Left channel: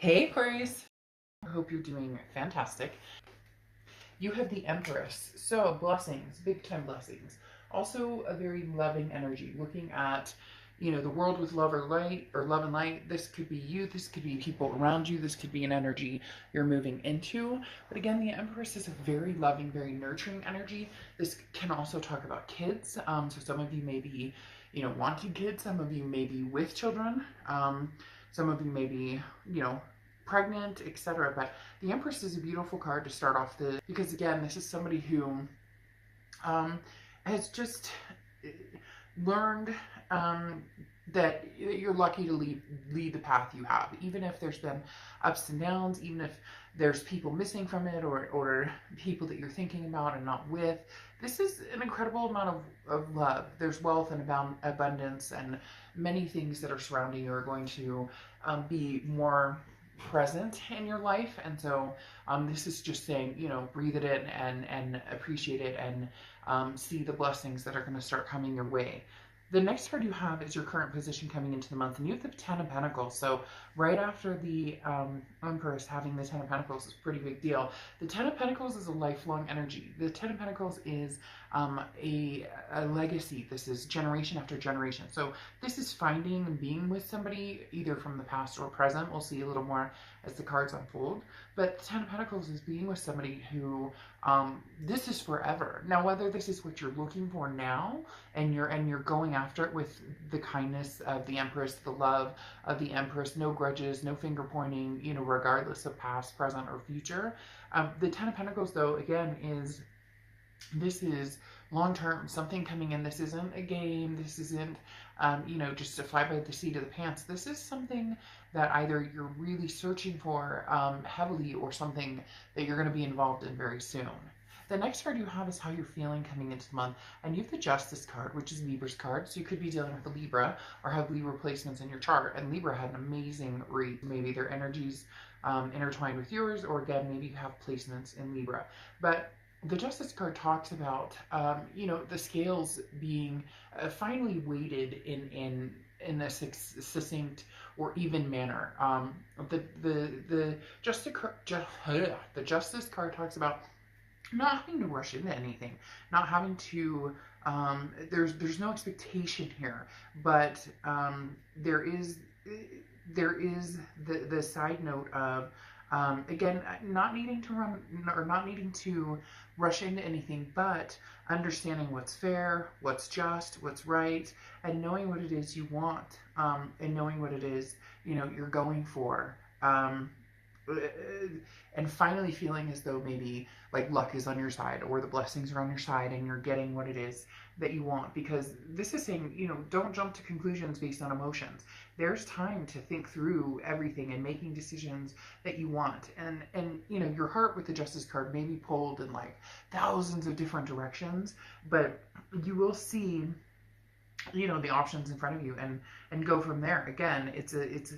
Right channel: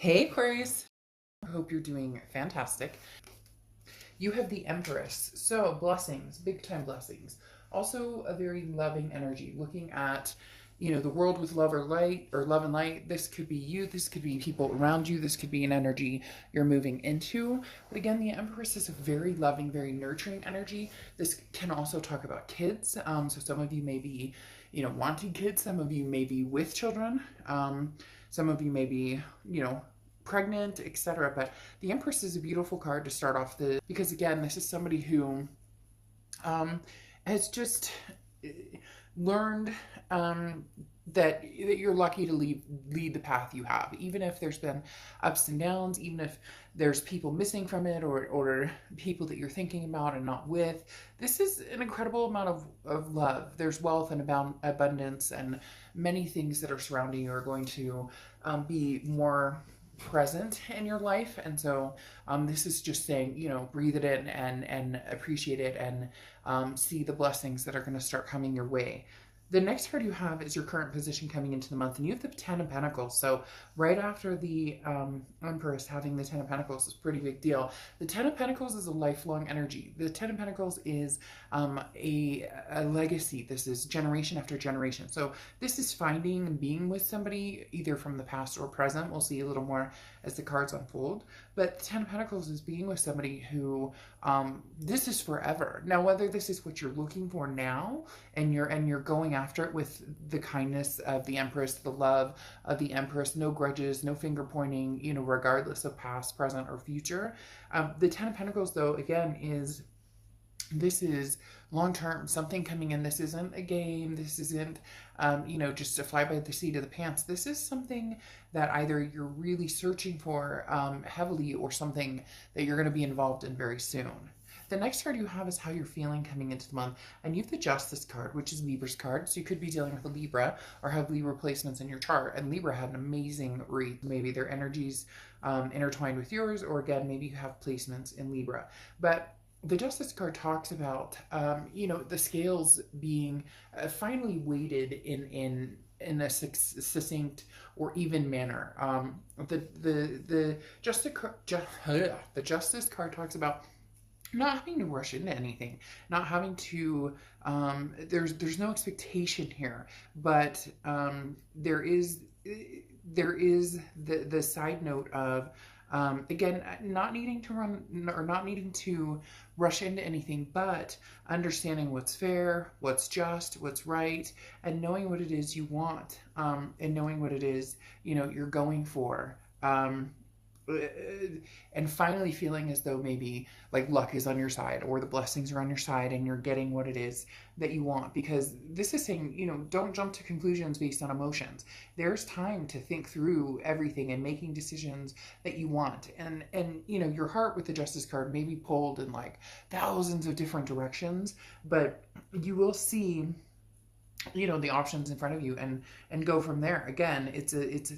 Hey Aquarius, I hope you're doing fantastic. You have the Empress, so blessings, big time blessings. Also a very loving energy, looking at, the world with love or light or love and light. This could be you, this could be people around you, this could be an energy you're moving into. But again, the Empress is a very loving, very nurturing energy. This can also talk about kids. So some of you may be, wanting kids, some of you may be with children. Some of you may be, pregnant, etc. But the Empress is a beautiful card to start off because again, this is somebody who um, has just learned that you're lucky to lead the path you have, even if there's been ups and downs, even if there's people missing from it, or people that you're thinking about and not with. This is an incredible amount of love. There's wealth and abundance, and many things that are surrounding you are going to be more present in your life. And so this is just saying, breathe it in and appreciate it, and see the blessings that are going to start coming your way. The next card you have is your current position coming into the month, and you have the Ten of Pentacles. So right after the Empress, having the Ten of Pentacles is a pretty big deal. The Ten of Pentacles is a lifelong energy. The Ten of Pentacles is a legacy. This is generation after generation. So this is finding and being with somebody either from the past or present. We'll see a little more as the cards unfold. But the Ten of Pentacles is being with somebody who this is forever. Now, whether this is what you're looking for now, and you're going after it with the kindness of the Empress, the love of the Empress, no grudges, no finger pointing, regardless of past, present, or future. The Ten of Pentacles, though, again, this is long term, something coming in. This isn't a game. This isn't, just a fly by the seat of the pants. This is something that either you're really searching for heavily, or something that you're going to be involved in very soon. The next card you have is how you're feeling coming into the month. And you have the Justice card, which is Libra's card. So you could be dealing with a Libra or have Libra placements in your chart. And Libra had an amazing read. Maybe their energies intertwined with yours, or again, maybe you have placements in Libra. But the Justice card talks about, the scales being finally weighted in a succinct or even manner. The Justice card talks about not having to rush into anything, not having to. There's no expectation here, but there is the side note of. Again, not needing to run or not needing to rush into anything, but understanding what's fair, what's just, what's right, and knowing what it is you want, and knowing what it is, you're going for. And finally feeling as though maybe like luck is on your side, or the blessings are on your side, and you're getting what it is that you want. Because this is saying, don't jump to conclusions based on emotions. There's time to think through everything and making decisions that you want. And your heart with the Justice card may be pulled in like thousands of different directions, but you will see the options in front of you, and go from there. Again, it's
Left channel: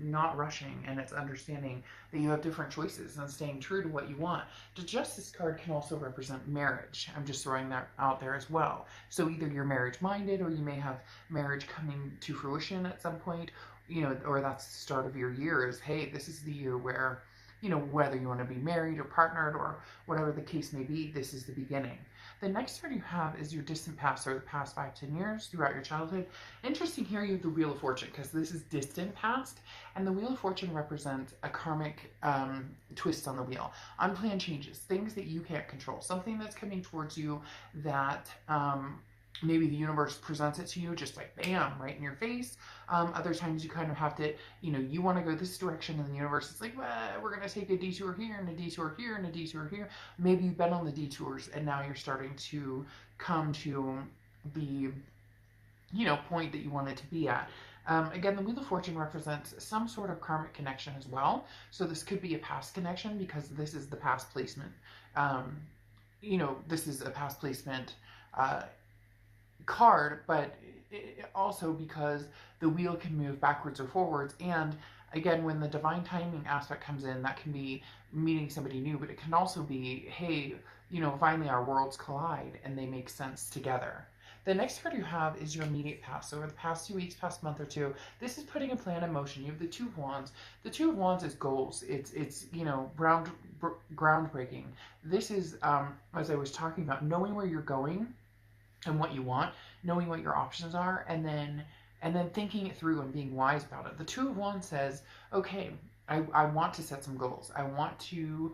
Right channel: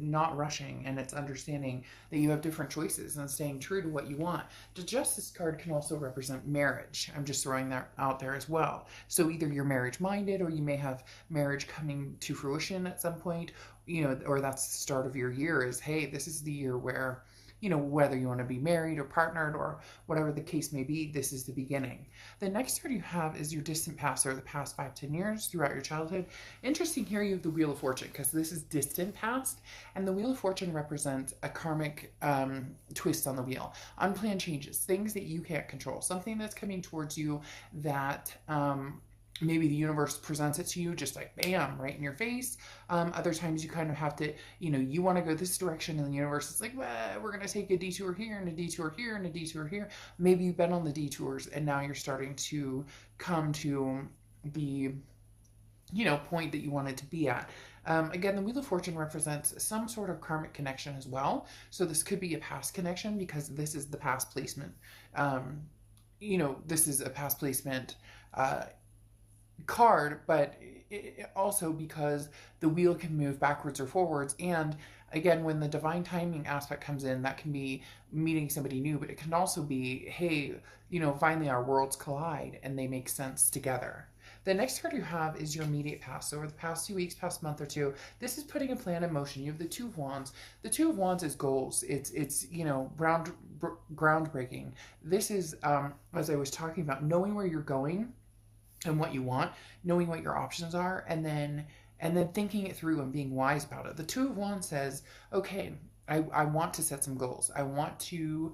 not rushing, and it's understanding that you have different choices and staying true to what you want. The Justice card can also represent marriage. I'm just throwing that out there as well. So either you're marriage minded, or you may have marriage coming to fruition at some point, or that's the start of your year, is hey, this is the year where whether you want to be married or partnered or whatever the case may be, this is the beginning. The next card you have is your distant past, or the past 5-10 years throughout your childhood. Interesting here, you have the Wheel of Fortune, because this is distant past, and the Wheel of Fortune represents a karmic twist on the wheel. Unplanned changes, things that you can't control, something that's coming towards you that maybe the universe presents it to you just like bam, right in your face. Other times you kind of have to, you want to go this direction, and the universe is like, well, we're going to take a detour here and a detour here and a detour here. Maybe you've been on the detours, and now you're starting to come to the point that you wanted to be at. Again, the Wheel of Fortune represents some sort of karmic connection as well. So this could be a past connection, because this is the past placement. This is a past placement card, but also because the wheel can move backwards or forwards. And again, when the divine timing aspect comes in, that can be meeting somebody new, but it can also be, hey, finally our worlds collide and they make sense together. The next card you have is your immediate past. So over the past 2 weeks, past month or two, this is putting a plan in motion. You have the Two of Wands. The Two of Wands is goals. It's groundbreaking. This is, as I was talking about, knowing where you're going and what you want, knowing what your options are, and then thinking it through and being wise about it. The Two of Wands says, okay, I want to set some goals. I want to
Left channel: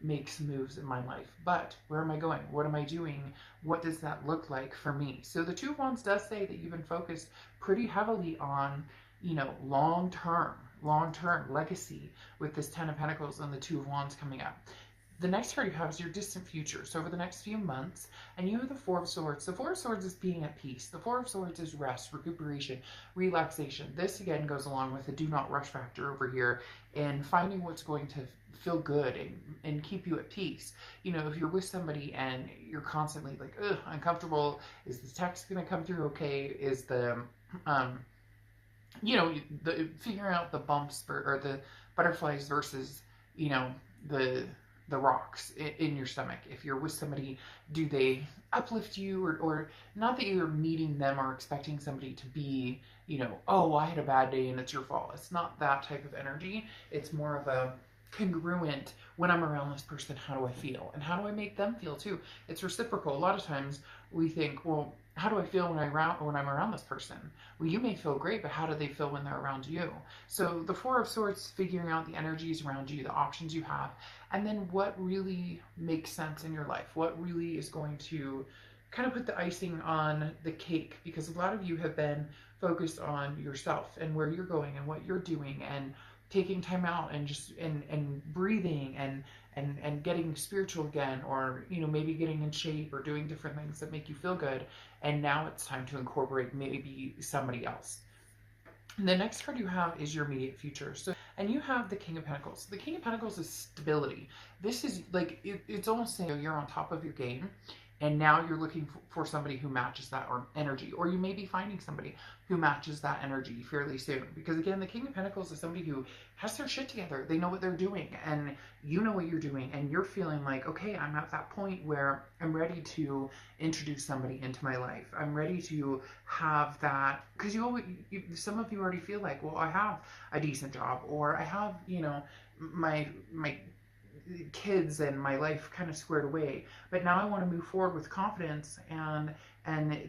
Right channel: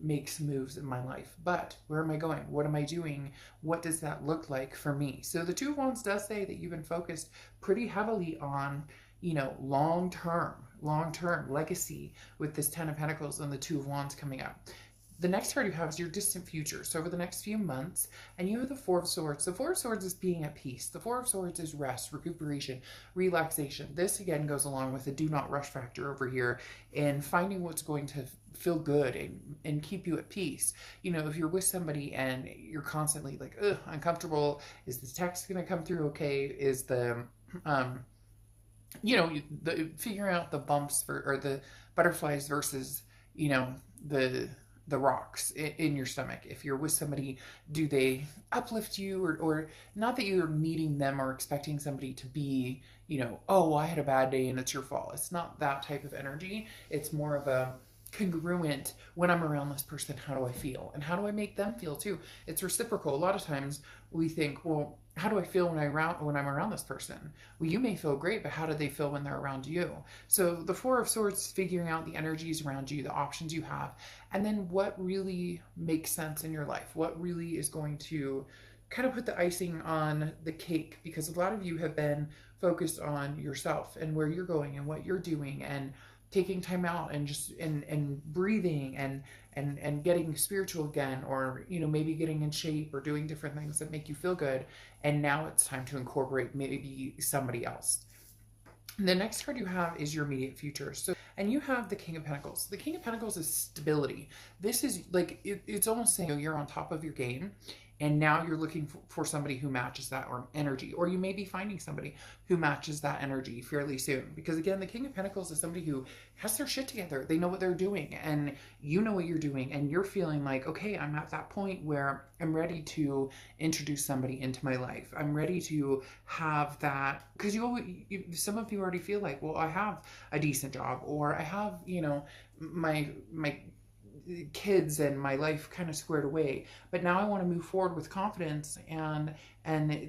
make some moves in my life, but where am I going? What am I doing? What does that look like for me? So the Two of Wands does say that you've been focused pretty heavily on, long-term legacy with this Ten of Pentacles and the Two of Wands coming up. The next card you have is your distant future. So over the next few months, and you have the Four of Swords. The Four of Swords is being at peace. The Four of Swords is rest, recuperation, relaxation. This again goes along with the do not rush factor over here and finding what's going to feel good and keep you at peace. If you're with somebody and you're constantly like, ugh, uncomfortable, is this text going to come through okay? Is the, figuring out the bumps or the butterflies versus, the rocks in your stomach. If you're with somebody, do they uplift you or not that you're meeting them or expecting somebody to be, oh, I had a bad day and it's your fault. It's not that type of energy. It's more of a congruent, when I'm around this person, how do I feel? And how do I make them feel too? It's reciprocal. A lot of times we think, well, how do I feel when I'm around this person? Well, you may feel great, but how do they feel when they're around you? So the Four of Swords is figuring out the energies around you, the options you have, and then what really makes sense in your life, what really is going to kind of put the icing on the cake, because a lot of you have been focused on yourself and where you're going and what you're doing and taking time out and just and breathing and getting spiritual again, or maybe getting in shape or doing different things that make you feel good, and now it's time to incorporate maybe somebody else. The next card you have is your immediate future. So, and you have the King of Pentacles. The King of Pentacles is stability. This is like, it's almost saying you're on top of your game, and now you're looking for somebody who matches that or energy, or you may be finding somebody who matches that energy fairly soon. Because again, the King of Pentacles is somebody who has their shit together. They know what they're doing, and you know what you're doing, and you're feeling like, okay, I'm at that point where I'm ready to introduce somebody into my life. I'm ready to have that, because some of you already feel like, well, I have a decent job, or I have, my kids and my life kind of squared away, but now I want to move forward with confidence, and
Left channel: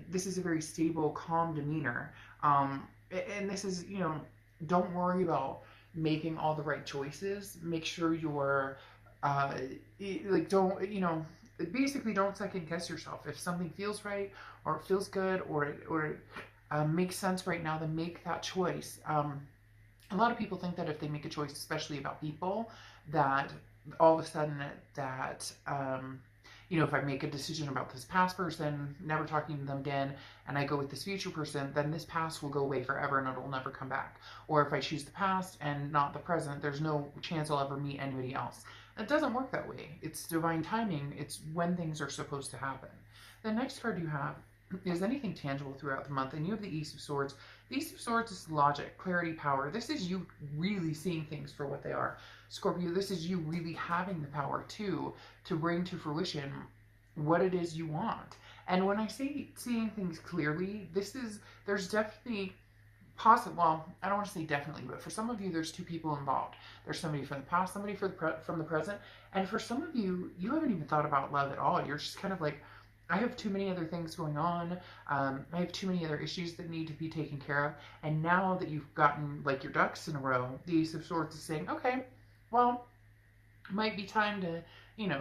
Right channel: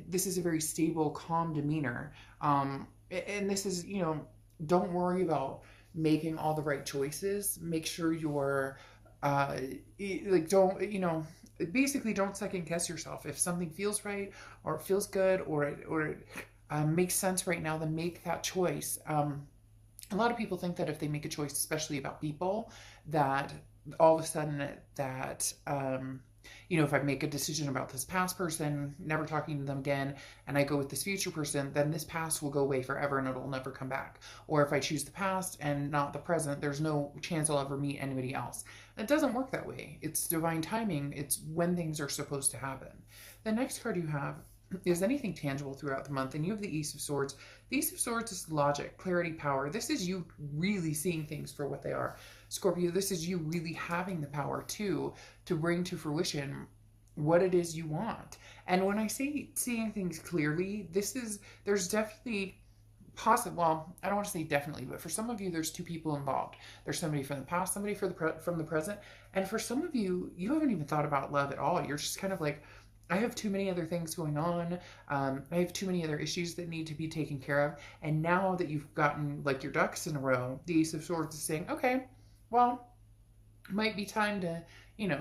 this is a very stable, calm demeanor, and this is, don't worry about making all the right choices. Make sure you're basically don't second guess yourself. If something feels right or feels good or makes sense right now, then make that choice. A lot of people think that if they make a choice, especially about people, that all of a sudden that, if I make a decision about this past person, never talking to them again, and I go with this future person, then this past will go away forever and it'll never come back. Or if I choose the past and not the present, there's no chance I'll ever meet anybody else. It doesn't work that way. It's divine timing. It's when things are supposed to happen. The next card you have is anything tangible throughout the month, and you have the Ace of Swords. The Ace of Swords is logic, clarity, power. This is you really seeing things for what they are. Scorpio, this is you really having the power to bring to fruition what it is you want. And when I say seeing things clearly, there's definitely well, I don't want to say definitely, but for some of you, there's two people involved. There's somebody from the past, somebody from the present, and for some of you, you haven't even thought about love at all. You're just kind of like, I have too many other things going on. I have too many other issues that need to be taken care of. And now that you've gotten like your ducks in a row, the Ace of Swords is saying, okay, well, it might be time to,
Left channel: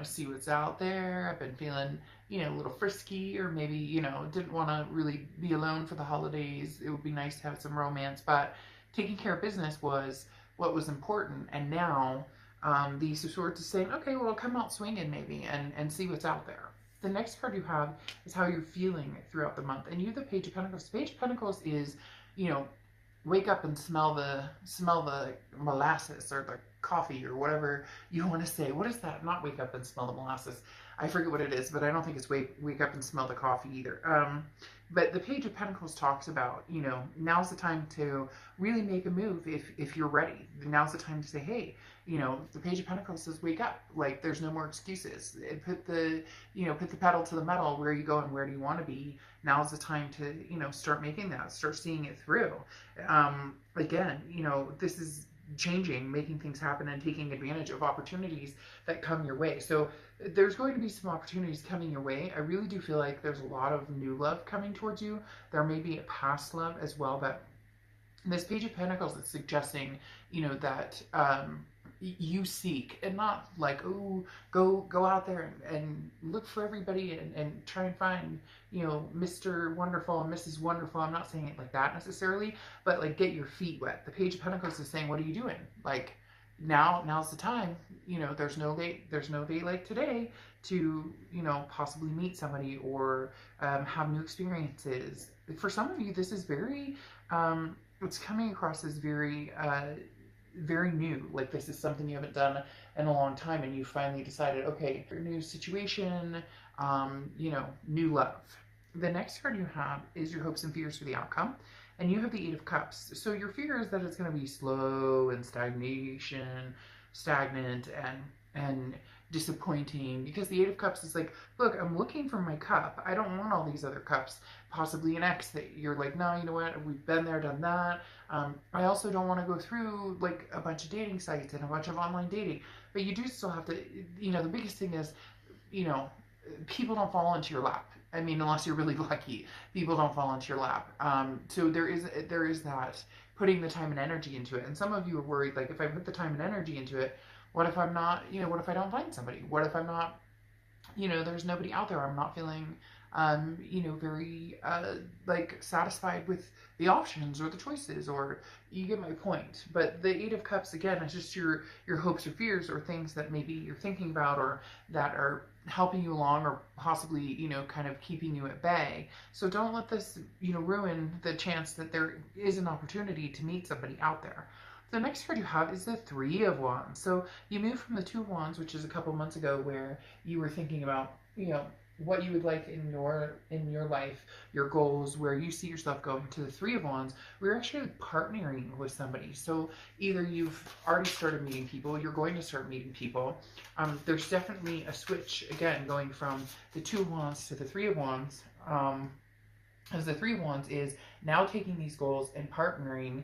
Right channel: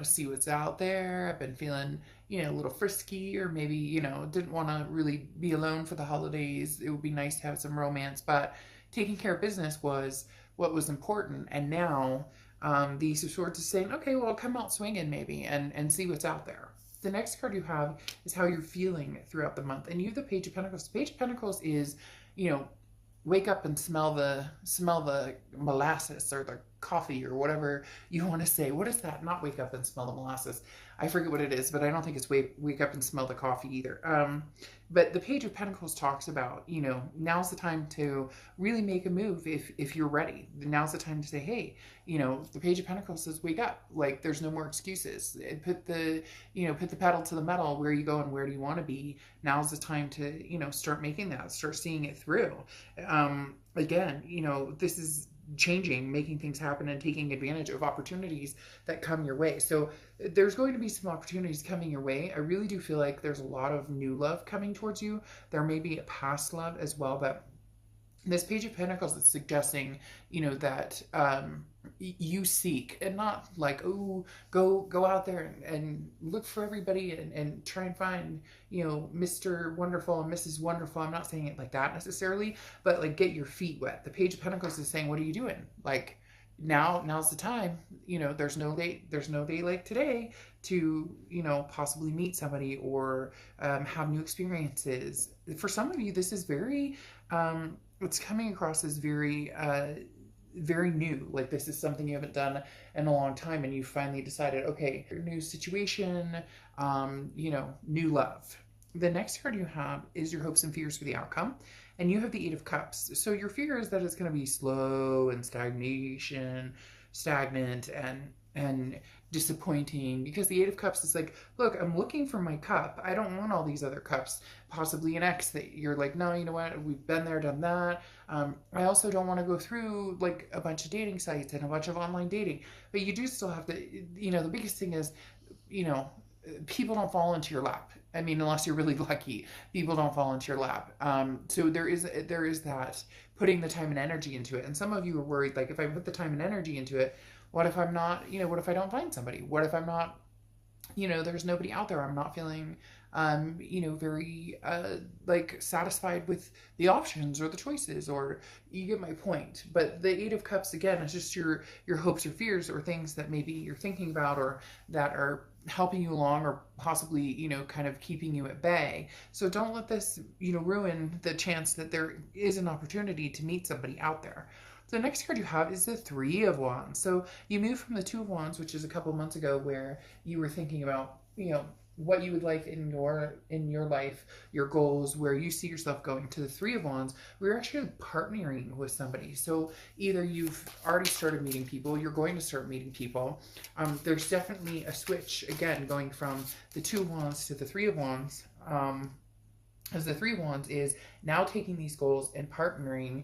see what's out there. I've been feeling, a little frisky, or maybe, didn't want to really be alone for the holidays. It would be nice to have some romance, but taking care of business was what was important. And now the Ace of Swords is saying, okay, well, come out swinging maybe and see what's out there. The next card you have is how you're feeling throughout the month. And you have the Page of Pentacles. The Page of Pentacles is, wake up and smell the molasses or the coffee or whatever you want to say. What is that? Not wake up and smell the molasses. I forget what it is, but I don't think it's wake up and smell the coffee either. But the Page of Pentacles talks about, you know, now's the time to really make a move if you're ready. Now's the time to say, hey, you know, the Page of Pentacles says wake up. Like, there's no more excuses. Put the, you know, put the pedal to the metal. Where are you going? Where do you want to be? Now's the time to, you know, start making that, start seeing it through. Again, you know, this is changing, making things happen, and taking advantage of opportunities that come your way. So there's going to be some opportunities coming your way. I really do feel like there's a lot of new love coming towards you. There may be a past love as well, but this Page of Pentacles is suggesting, you know, that you seek, and not like, oh, go out there and look for everybody and try and find, you know, Mr. Wonderful and Mrs. Wonderful. I'm not saying it like that necessarily, but like, get your feet wet. The Page of Pentacles is saying, what are you doing? Like, now's the time. You know, there's no day like today to, you know, possibly meet somebody or have new experiences. For some of you, this is very it's coming across as very very new. Like, this is something you haven't done in a long time, and you finally decided, okay, new situation, you know, new love. The next card you have is your hopes and fears for the outcome, and you have the Eight of Cups. So your fear is that it's going to be slow and stagnant and disappointing, because the Eight of Cups is like, look, I'm looking for my cup. I don't want all these other cups. Possibly an ex that you're like, no, you know what, we've been there, done that. I also don't want to go through like a bunch of dating sites and a bunch of online dating, but you do still have to, you know, the biggest thing is, you know, people don't fall into your lap. I mean, unless you're really lucky, people don't fall into your lap. So there is that, putting the time and energy into it. And some of you are worried, like, if I put the time and energy into it, what if I'm not, you know, what if I don't find somebody? What if I'm not, you know, there's nobody out there. I'm not feeling, you know, very, like, satisfied with the options or the choices, or you get my point. But the Eight of Cups, again, it's just your hopes or fears, or things that maybe you're thinking about, or that are helping you along, or possibly, you know, kind of keeping you at bay. So don't let this, you know, ruin the chance that there is an opportunity to meet somebody out there. The next card you have is the Three of Wands. So you moved from the Two of Wands, which is a couple months ago, where you were thinking about, you know, what you would like in your life, your goals, where you see yourself going, to the Three of Wands. We're actually partnering with somebody. So either you've already started meeting people, you're going to start meeting people. There's definitely a switch, again, going from the Two of Wands to the Three of Wands. As the Three of Wands is now taking these goals and partnering,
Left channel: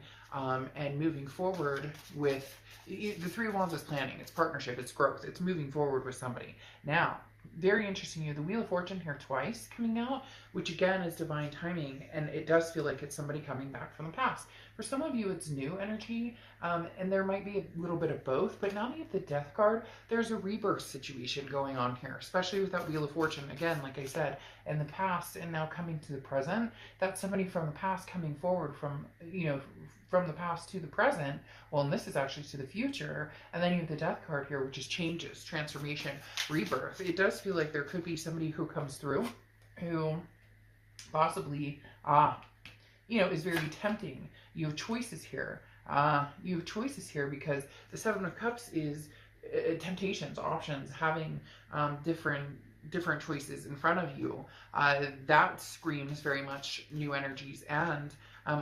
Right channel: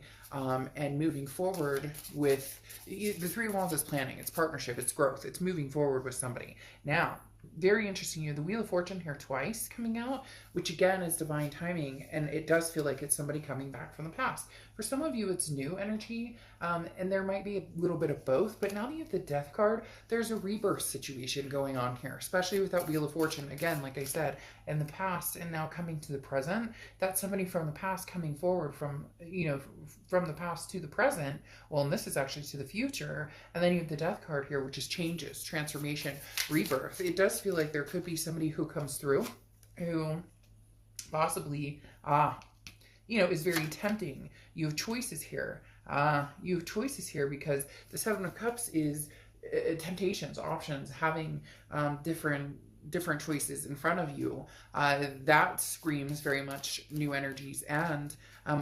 and moving forward with the Three of Wands is planning, it's partnership, it's growth, it's moving forward with somebody. Now, very interesting, you have the Wheel of Fortune here twice coming out, which again is divine timing, and it does feel like it's somebody coming back from the past. For some of you, it's new energy, and there might be a little bit of both, but now that you have the Death card, there's a rebirth situation going on here, especially with that Wheel of Fortune. Again, like I said, in the past and now coming to the present, that's somebody from the past coming forward from, you know, from the past to the present. Well, and this is actually to the future. And then you have the Death card here, which is changes, transformation, rebirth. It does feel like there could be somebody who comes through who possibly, you know, is very tempting. You have choices here. You have choices here because the Seven of Cups is temptations, options, having different choices in front of you. That screams very much new energies and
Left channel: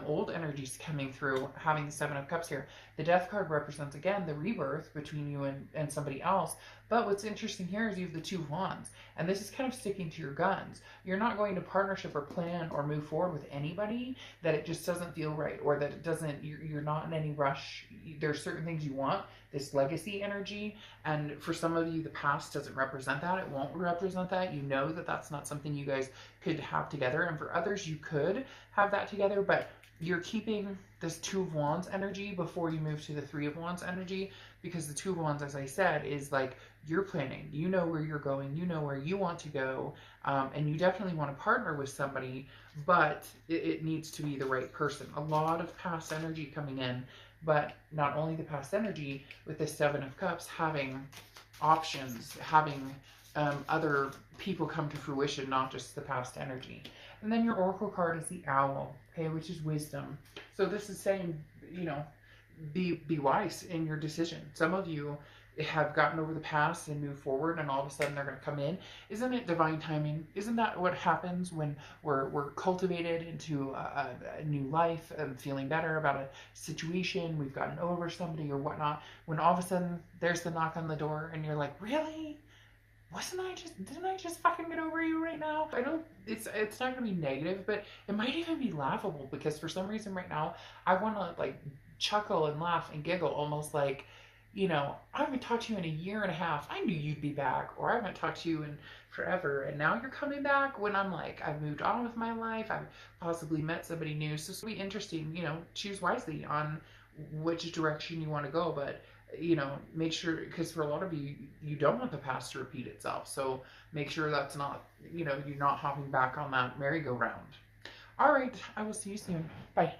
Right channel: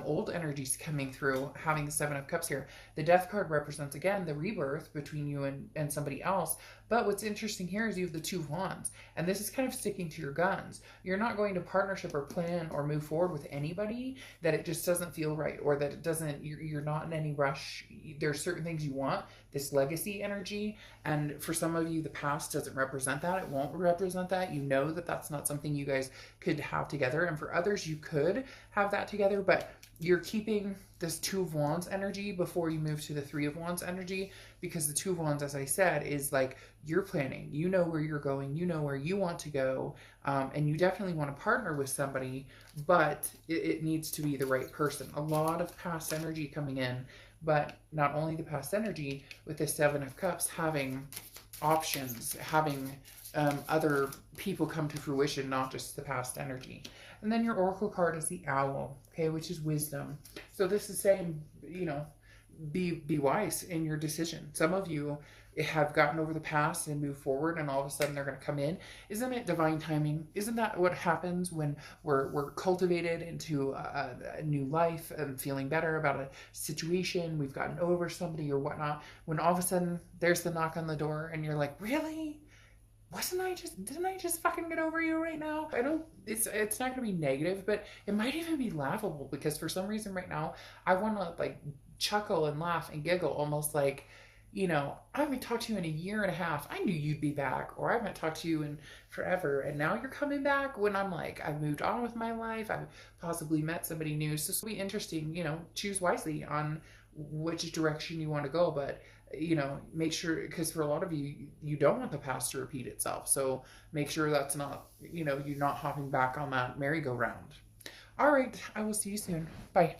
old energies coming through, having the Seven of Cups here. The Death card represents, again, the rebirth between you and somebody else. But what's interesting here is you have the Two of Wands, and this is kind of sticking to your guns. You're not going to partnership or plan or move forward with anybody that it just doesn't feel right, or that it doesn't, you're not in any rush. There's certain things you want, this legacy energy, and for some of you, the past doesn't represent that. It won't represent that. You know that that's not something you guys could have together, and for others, you could have that together, but you're keeping this Two of Wands energy before you move to the Three of Wands energy, because the Two of Wands, as I said, is like, you're planning, you know where you're going, you know where you want to go, and you definitely want to partner with somebody, but it needs to be the right person. A lot of past energy coming in, but not only the past energy, with the Seven of Cups, having options, having other people come to fruition, not just the past energy. And then your Oracle card is the Owl, okay, which is wisdom. So this is saying, you know, be wise in your decision. Some of you have gotten over the past and moved forward, and all of a sudden they're going to come in. Isn't it divine timing? Isn't that what happens when we're cultivated into a new life and feeling better about a situation? We've gotten over somebody or whatnot. When all of a sudden there's the knock on the door, and you're like, really? Didn't I just fucking get over you right now? I don't, it's not gonna be negative, but it might even be laughable, because for some reason right now I want to like chuckle and laugh and giggle, almost like, I haven't talked to you in a year and a half. I knew you'd be back, or I haven't talked to you in forever, and now you're coming back, when I'm like, I've moved on with my life. I've possibly met somebody new. So it'll be interesting, choose wisely on which direction you want to go. But make sure, because for a lot of you, you don't want the past to repeat itself. So make sure that's not, you're not hopping back on that merry-go-round. All right, I will see you soon. Bye.